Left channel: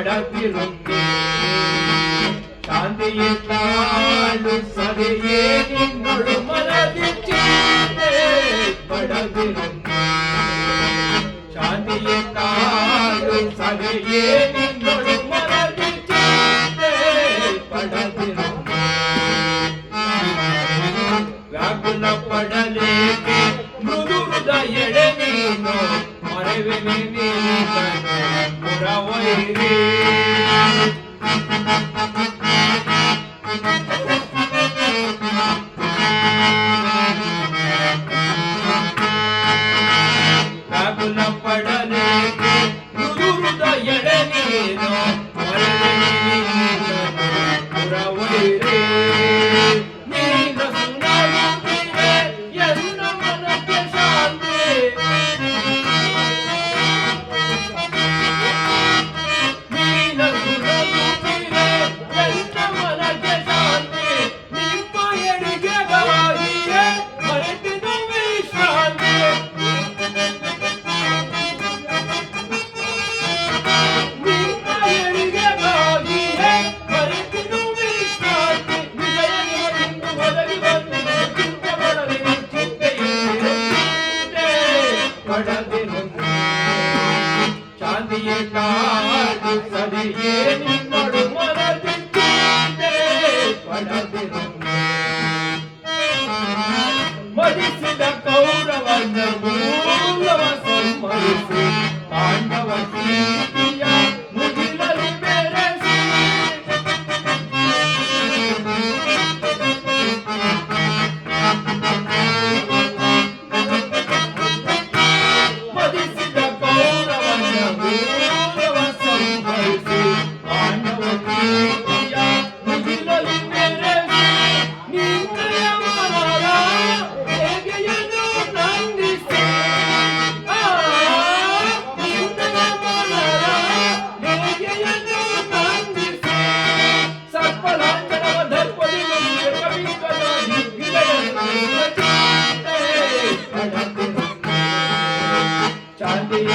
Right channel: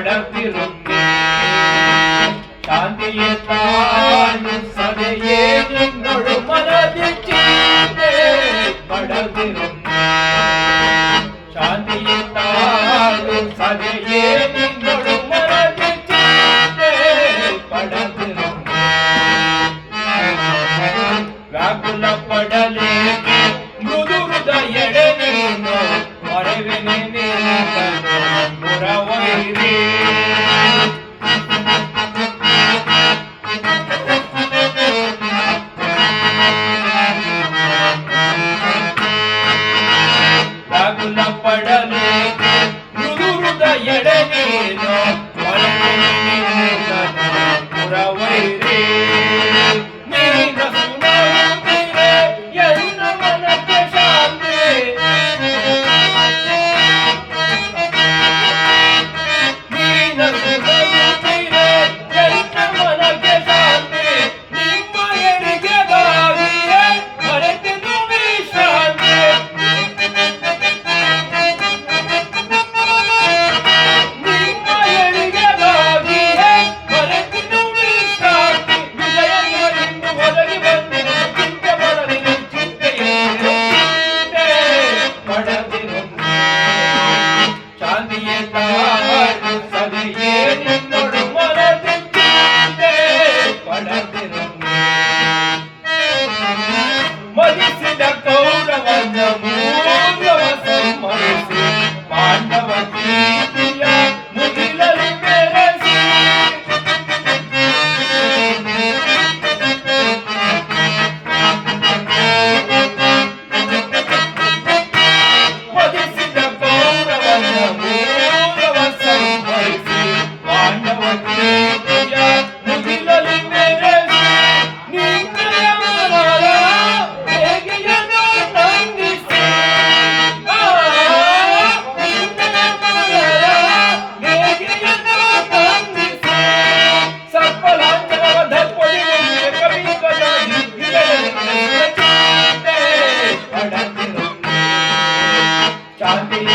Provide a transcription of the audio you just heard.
படத்திருந்தே சாந்தியை தாழும் சதையே நின்னொழு மனதில் சீந்தே படத்திருந்தே சாந்தியை தாழும் சதையே நின்னொழு மனதில் சீந்தே படத்திருந்தே ವ್ಯಾಕುಲ ಪಡಲೇಕೆ ಮೃದು ಹೃದಯಡೆನೇನು ಮರೆವೆನೆ ಪುರವೈರಿ ವ್ಯಾಕುಲ ಪಡಲೇಕೆ ಮೃದು ಹೃದಯಡೆನೇನು ಮರೆವೆನೆ ಪುರವೈರಿ சாந்தியை தாழும் சதையே நின்னொழு மனதில் சீந்தே படத்திருந்தே மதிசில கௌரவನ ಮೂಲವ ಸಂಹರಿಸಿ ಪಾಂಡವ ಪ್ರೀತಿಯ ಮುಗಿಲಲ್ಲಿ ಬೆರೆಸಿ ಮದಿಸಿದ ಕೌರವನ ಮೂಲವ ಸಂಹರಿಸಿ ಪಾಂಡವ ಪ್ರೀತಿಯ ಮುಗಿಲಲ್ಲಿ ಬೆರೆಸಿ ನಿನ್ನಯ ಮನರ ಹೇಗೆಯನು ನಂದಿಸಿ ನಿನ್ನಯ ಮನರ ಹೇಗೆಯನು ನಂದಿಸಿ ಸರ್ಪಲಾಂಛನವ ದರ್ಪದಿಗೆ ಕವಿಗಳ ಹಿರಿಯ ಪಡತಿರುಂದೆ ಚಾಂದಿಯ